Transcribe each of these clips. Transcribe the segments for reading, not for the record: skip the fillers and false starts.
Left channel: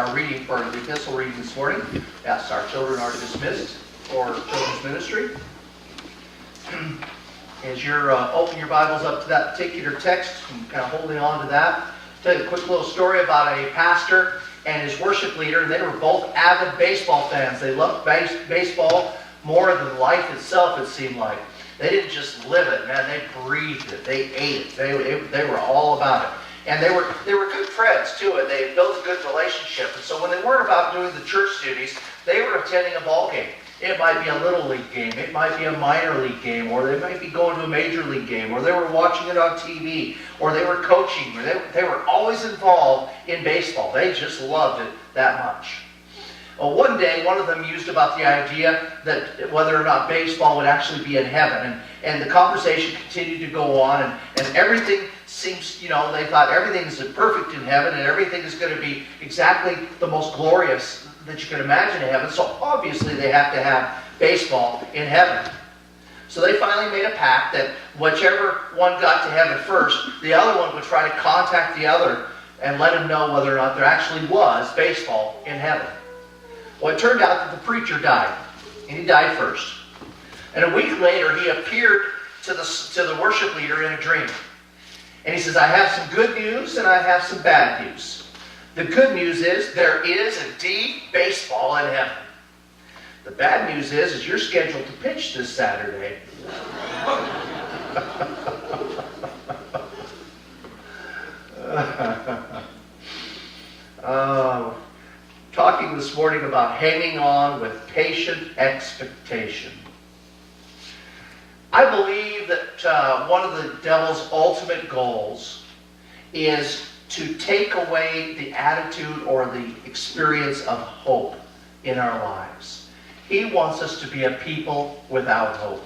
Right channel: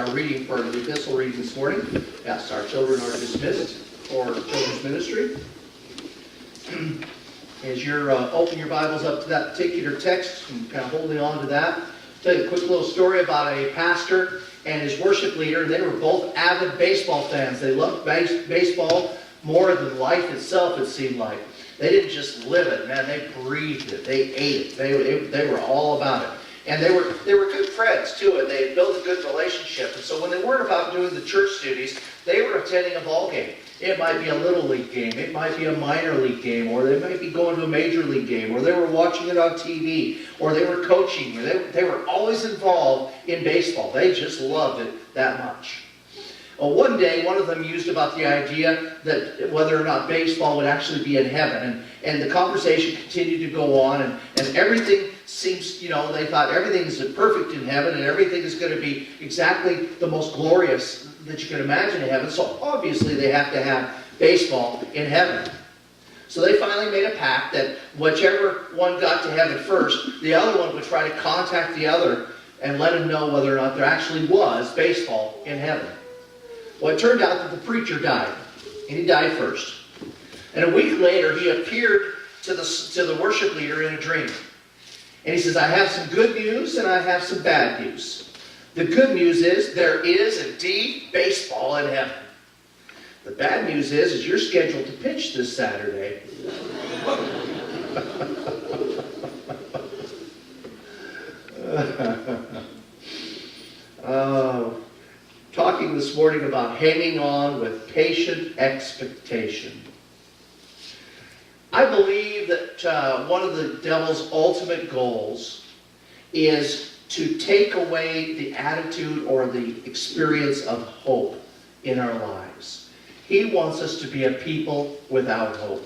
our reading for the epistle reading this morning. Yes, our children are dismissed for children's ministry. As you're opening your Bibles up to that particular text and kind of holding on to that, I'll tell you a quick little story about a pastor and his worship leader. They were both avid baseball fans. They loved baseball more than life itself, it seemed like. They didn't just live it, man. They breathed it. They ate it. They were all about it. And they were good friends, too, and they had built a good relationship. And so when they weren't about doing the church duties, they were attending a ball game. It might be a little league game. It might be a minor league game. Or they might be going to a major league game. Or they were watching it on TV. Or they were coaching. Or they were always involved in baseball. They just loved it that much. Well, one day, one of them used about the idea that whether or not baseball would actually be in heaven. And the conversation continued to go on. And everything seems, they thought everything is perfect in heaven. And everything is going to be exactly the most glorious that you can imagine in heaven. So obviously they have to have baseball in heaven. So they finally made a pact that whichever one got to heaven first, the other one would try to contact the other and let him know whether or not there actually was baseball in heaven. Well, it turned out that the preacher died, and he died first. And a week later, he appeared to the worship leader in a dream. And he says, I have some good news and I have some bad news. The good news is there is indeed baseball in heaven. The bad news is you're scheduled to pitch this Saturday. Talking this morning about hanging on with patient expectation. I believe that one of the devil's ultimate goals is to take away the attitude or the experience of hope in our lives. He wants us to be a people without hope.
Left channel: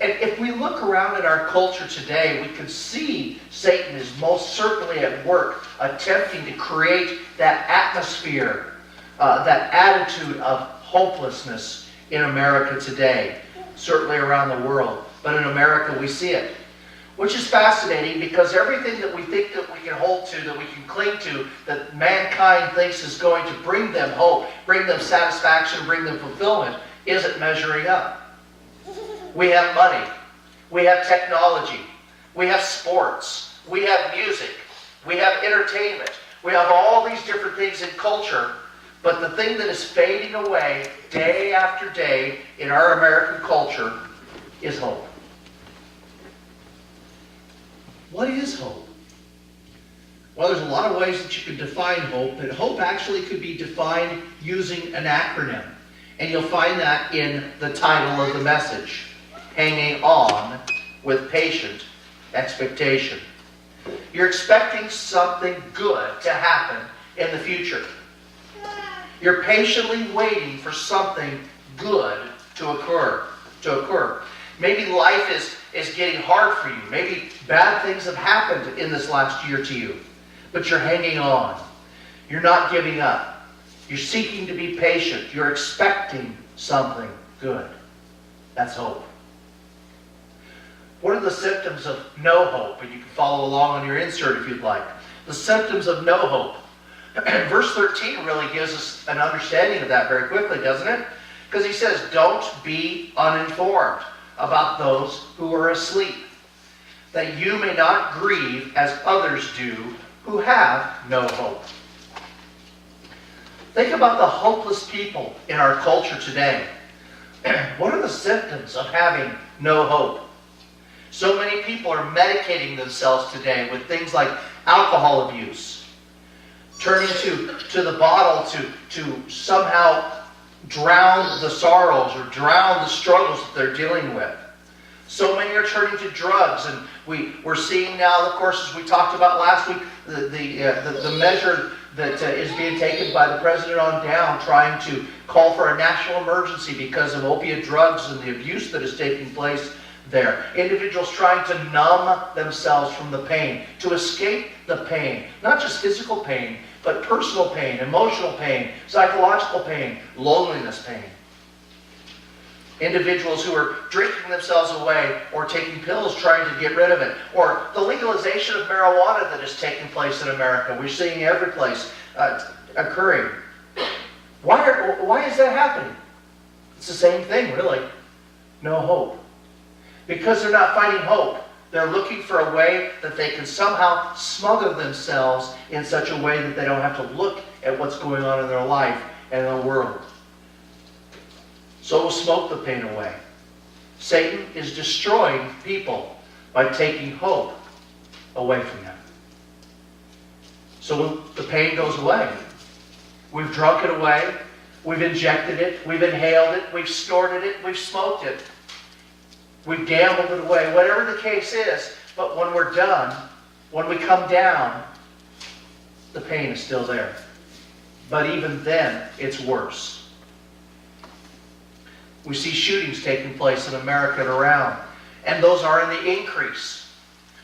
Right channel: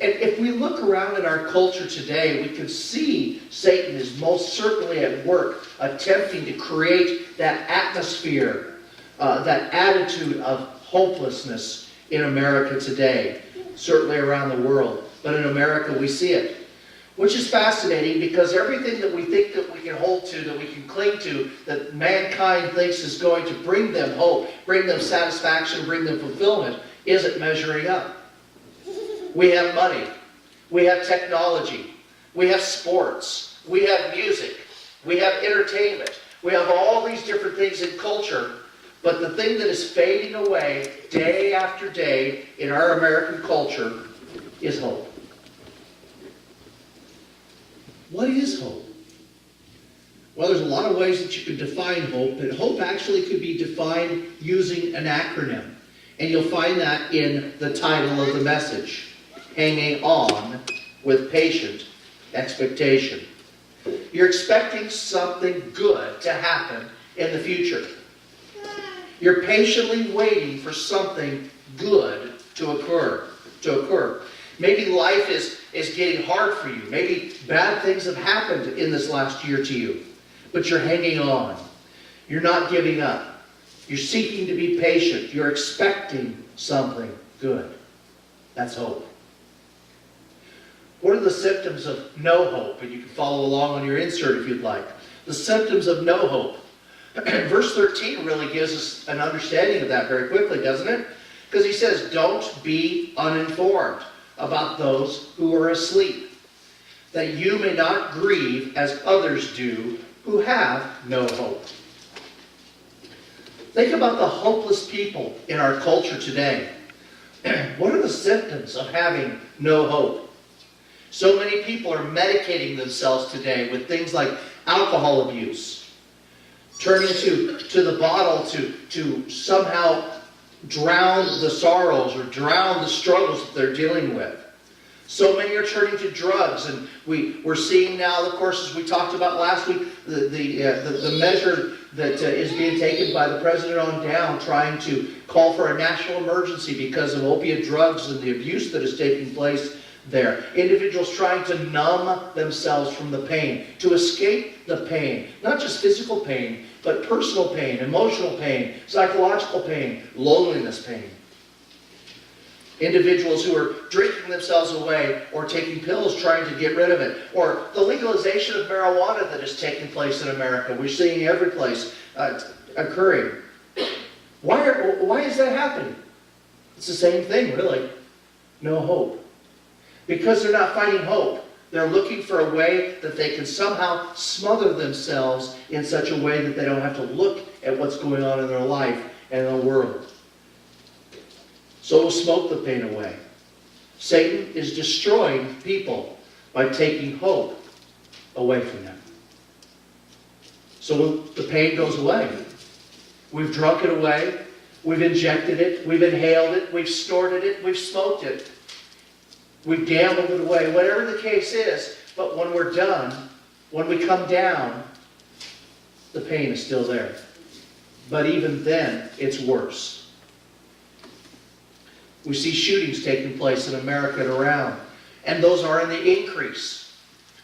And if we look around at our culture today, we can see Satan is most certainly at work attempting to create that atmosphere, that attitude of hopelessness in America today. Certainly around the world. But in America we see it. Which is fascinating because everything that we think that we can hold to, that we can cling to, that mankind thinks is going to bring them hope, bring them satisfaction, bring them fulfillment, isn't measuring up. We have money. We have technology. We have sports. We have music. We have entertainment. We have all these different things in culture. But the thing that is fading away day after day in our American culture is hope. What is hope? Well, there's a lot of ways that you could define hope, but hope actually could be defined using an acronym. And you'll find that in the title of the message, Hanging On with Patient Expectation. You're expecting something good to happen in the future. You're patiently waiting for something good to occur. Maybe life is getting hard for you. Maybe bad things have happened in this last year to you. But you're hanging on. You're not giving up. You're seeking to be patient. You're expecting something good. That's hope. What are the symptoms of no hope? And you can follow along on your insert if you'd like. The symptoms of no hope. Verse 13 really gives us an understanding of that very quickly, doesn't it? Because he says, don't be uninformed about those who are asleep, that you may not grieve as others do who have no hope. Think about the hopeless people in our culture today. What are the symptoms of having no hope? So many people are medicating themselves today with things like alcohol abuse, turning to the bottle to somehow drown the sorrows or drown the struggles that they're dealing with. So many are turning to drugs, and we're seeing now, of course, as we talked about last week, the measure that is being taken by the president on down, trying to call for a national emergency because of opiate drugs and the abuse that is taking place there. Individuals trying to numb themselves from the pain, to escape the pain, not just physical pain, but personal pain, emotional pain, psychological pain, loneliness pain. Individuals who are drinking themselves away or taking pills trying to get rid of it. Or the legalization of marijuana that is taking place in America. We're seeing every place occurring. Why is that happening? It's the same thing, really. No hope. Because they're not finding hope. They're looking for a way that they can somehow smother themselves in such a way that they don't have to look at what's going on in their life and in the world. So will smoke the pain away. Satan is destroying people by taking hope away from them. So when the pain goes away, we've drunk it away, we've injected it, we've inhaled it, we've snorted it, we've smoked it, we've gambled it away, whatever the case is. But when we're done, when we come down, the pain is still there. But even then, it's worse. We see shootings taking place in America and around, and those are in the increase.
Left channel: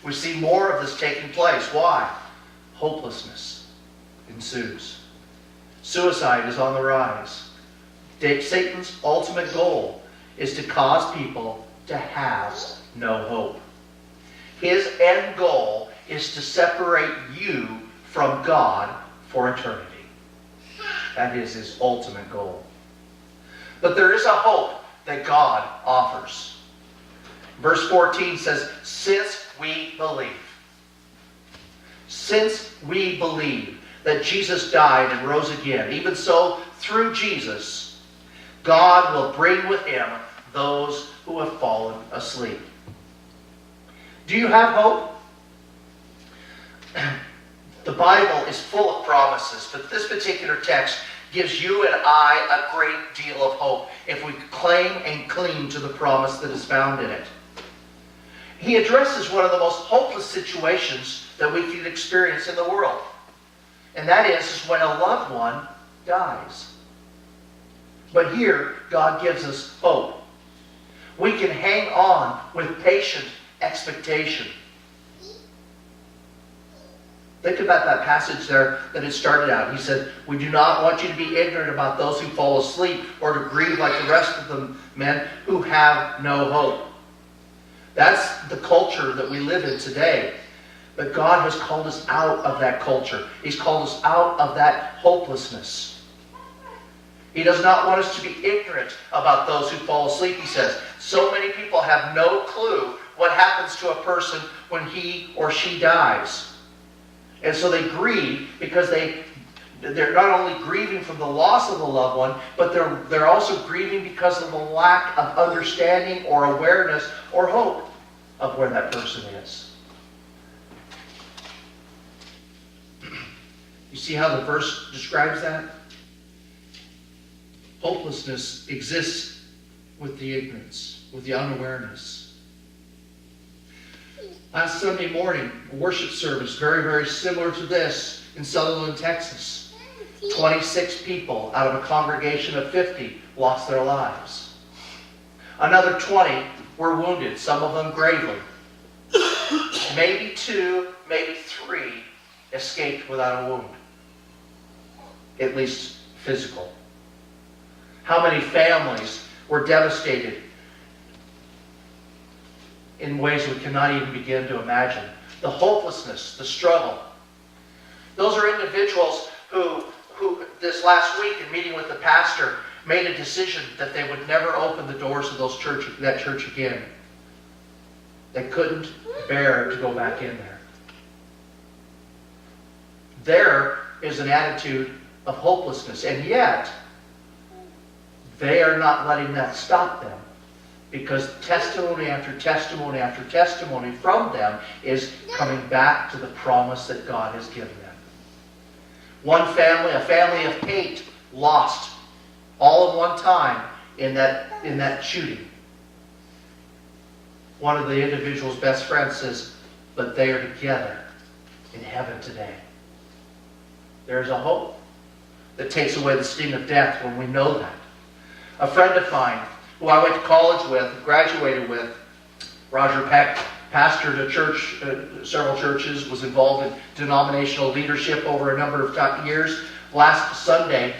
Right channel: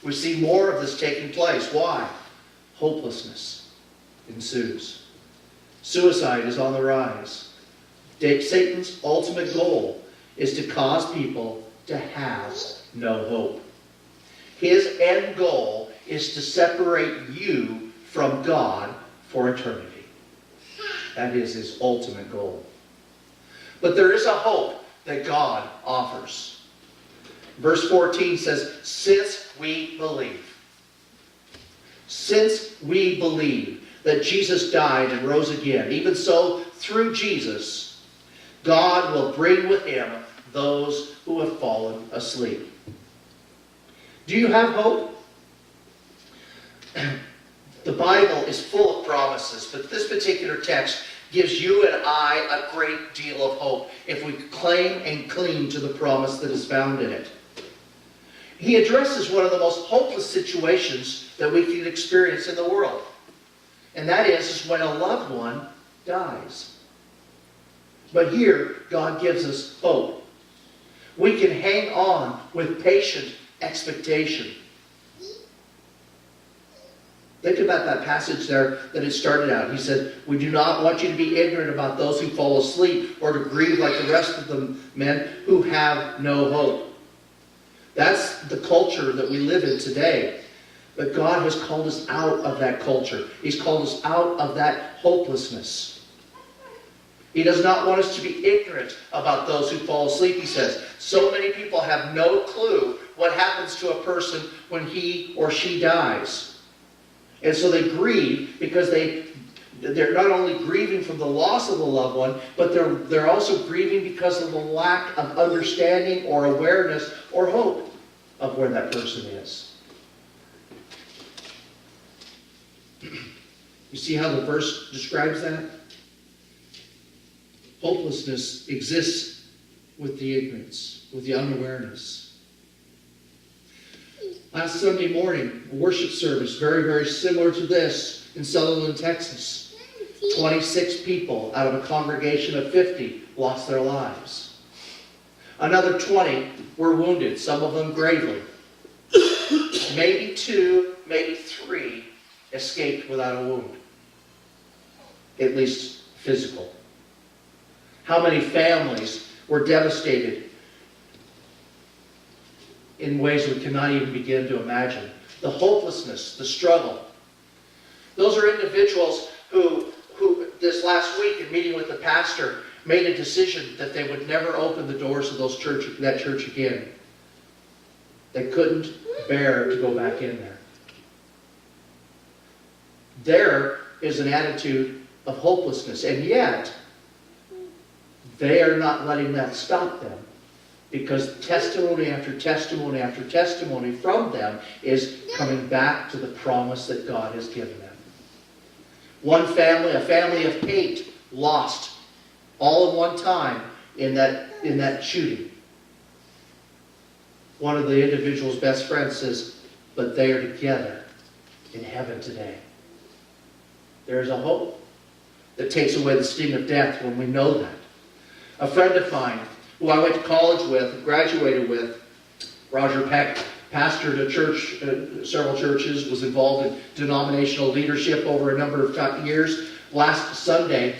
We see more of this taking place. Why? Hopelessness ensues. Suicide is on the rise. Satan's ultimate goal is to cause people to have no hope. His end goal is to separate you from God for eternity. That is his ultimate goal. But there is a hope that God offers. Verse 14 says, since we believe that Jesus died and rose again, even so, through Jesus, God will bring with him those who have fallen asleep. Do you have hope? The Bible is full of promises, but this particular text gives you and I a great deal of hope if we claim and cling to the promise that is found in it. He addresses one of the most hopeless situations that we can experience in the world. And that is when a loved one dies. But here, God gives us hope. We can hang on with patient expectation. Think about that passage there that it started out. He said, we do not want you to be ignorant about those who fall asleep or to grieve like the rest of the men who have no hope. That's the culture that we live in today. But God has called us out of that culture. He's called us out of that hopelessness. He does not want us to be ignorant about those who fall asleep, he says. So many people have no clue what happens to a person when he or she dies. And so they grieve because they're not only grieving from the loss of a loved one, but they're also grieving because of the lack of understanding or awareness or hope of where that person is. You see how the verse describes that? Hopelessness exists with the ignorance, with the unawareness. Last Sunday morning, a worship service, very, very similar to this in Sutherland, Texas. 26 people out of a congregation of 50 lost their lives. Another 20 were wounded, some of them gravely. Maybe 2, maybe 3 escaped without a wound. At least physical. How many families were devastated in ways we cannot even begin to imagine? The hopelessness, the struggle. Those are individuals who this last week in meeting with the pastor made a decision that they would never open the doors of that church again. They couldn't bear to go back in there. There is an attitude of hopelessness, and yet they are not letting that stop them, because testimony after testimony after testimony from them is coming back to the promise that God has given them. One family, a family of 8, lost all in one time in that shooting. One of the individual's best friends says, but they are together in heaven today. There is a hope that takes away the sting of death when we know that. A friend of mine who I went to college with, graduated with, Roger Peck, pastored a church, several churches, was involved in denominational leadership over a number of years. Last Sunday,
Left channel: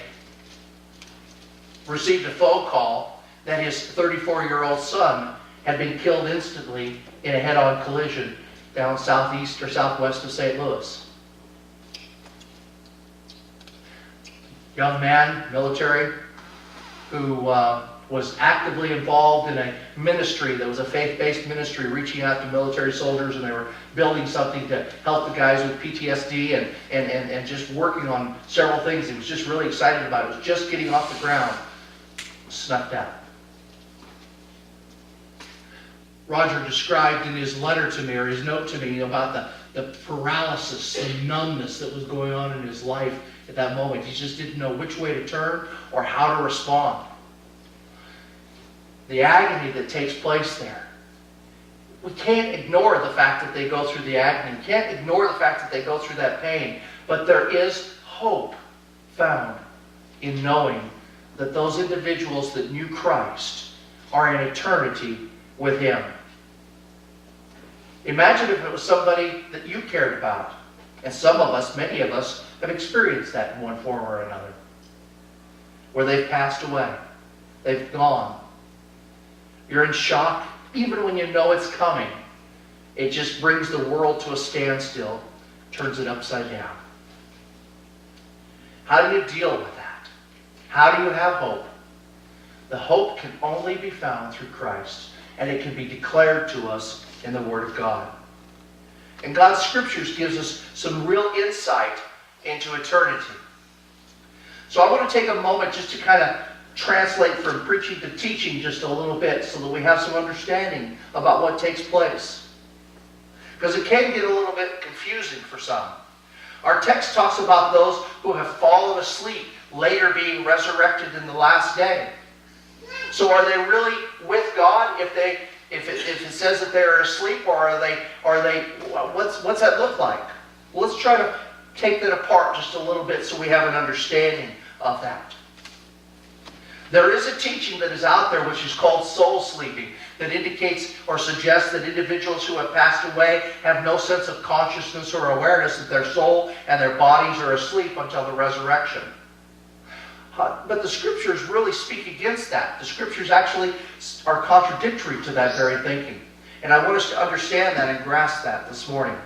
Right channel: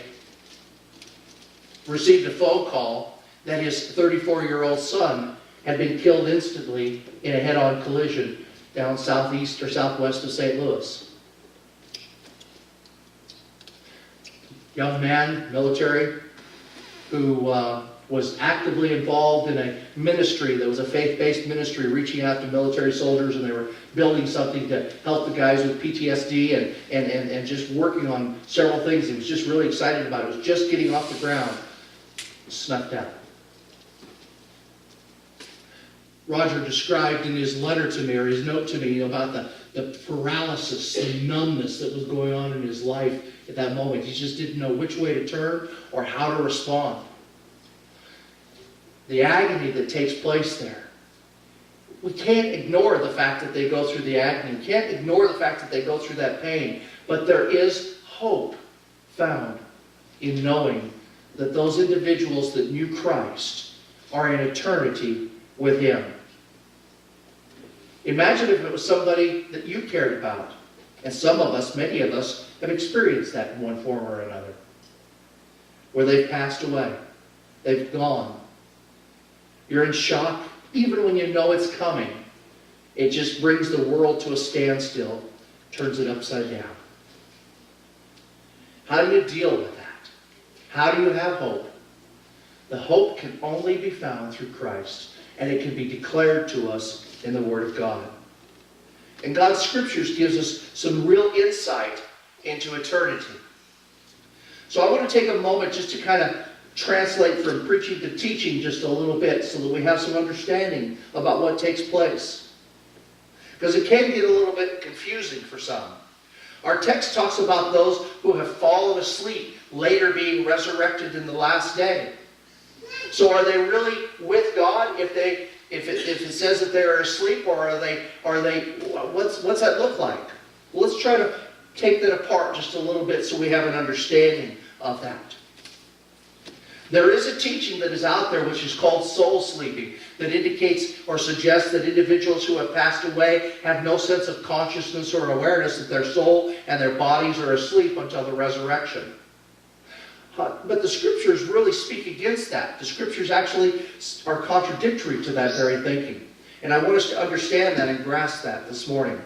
received a phone call that his 34-year-old son had been killed instantly in a head-on collision down southeast or southwest of St. Louis. Young man, military, who was actively involved in a ministry that was a faith-based ministry reaching out to military soldiers, and they were building something to help the guys with PTSD and just working on several things he was just really excited about. It was just getting off the ground. Snuffed out. Roger described in his letter to me, or his note to me, about the paralysis, the numbness that was going on in his life at that moment. He just didn't know which way to turn or how to respond. The agony that takes place there. We can't ignore the fact that they go through the agony. We can't ignore the fact that they go through that pain. But there is hope found in knowing that those individuals that knew Christ are in eternity with Him. Imagine if it was somebody that you cared about. And some of us, many of us, have experienced that in one form or another. Where they've passed away. They've gone. You're in shock, even when you know it's coming. It just brings the world to a standstill, turns it upside down. How do you deal with that? How do you have hope? The hope can only be found through Christ, and it can be declared to us in the Word of God. And God's Scriptures gives us some real insight into eternity. So I want to take a moment just to kind of translate from preaching to teaching just a little bit so that we have some understanding about what takes place. Because it can get a little bit confusing for some. Our text talks about those who have fallen asleep, later being resurrected in the last day. So are they really with God if it says that they are asleep, or are they what's that look like? Well, let's try to take that apart just a little bit so we have an understanding of that. There is a teaching that is out there which is called soul sleeping, that indicates or suggests that individuals who have passed away have no sense of consciousness or awareness that their soul and their bodies are asleep until the resurrection. But the Scriptures really speak against that. The Scriptures actually are contradictory to that very thinking. And I want us to understand that and grasp that this morning.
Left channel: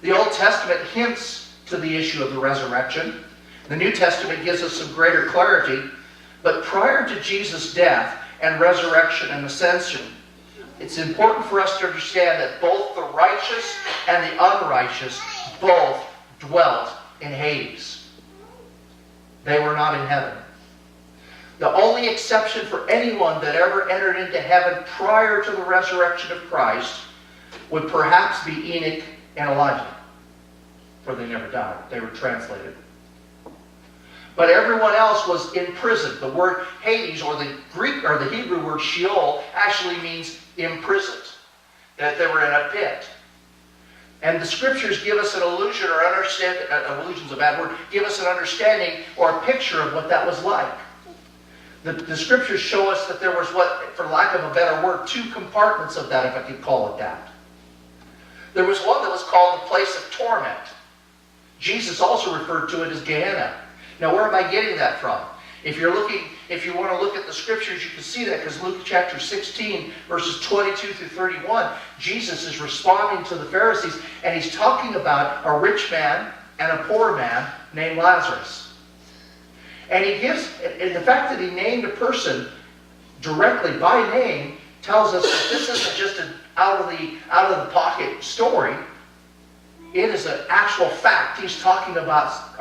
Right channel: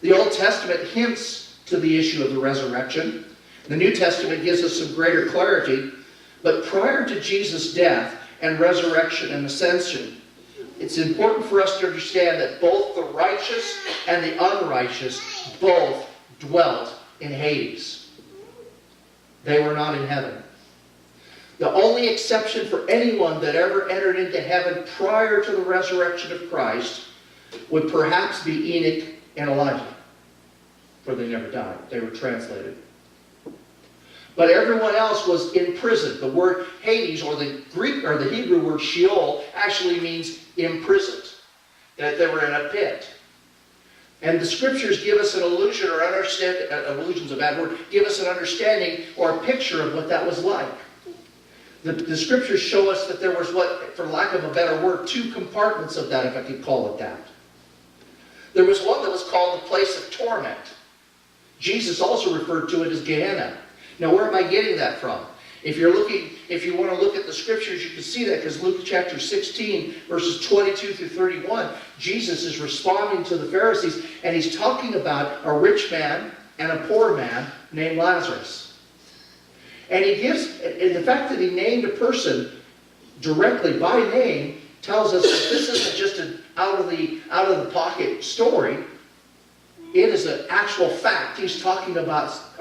The Old Testament hints to the issue of the resurrection. The New Testament gives us some greater clarity, but prior to Jesus' death and resurrection and ascension, it's important for us to understand that both the righteous and the unrighteous both dwelt in Hades. They were not in heaven. The only exception for anyone that ever entered into heaven prior to the resurrection of Christ would perhaps be Enoch and Elijah, for they never died. They were translated. But everyone else was in prison. The word Hades, or the Greek or the Hebrew word Sheol, actually means imprisoned. That they were in a pit. And the Scriptures give us an illusion, or understand, illusion's a bad word, give us an understanding or a picture of what that was like. The Scriptures show us that there was what, for lack of a better word, two compartments of that, if I could call it that. There was one that was called the place of torment. Jesus also referred to it as Gehenna. Now, where am I getting that from? If you want to look at the Scriptures, you can see that, because Luke chapter 16, verses 22 through 31, Jesus is responding to the Pharisees, and he's talking about a rich man and a poor man named Lazarus. And he gives, and the fact that he named a person directly by name tells us that this isn't just an out of the pocket story. It is an actual fact. He's talking about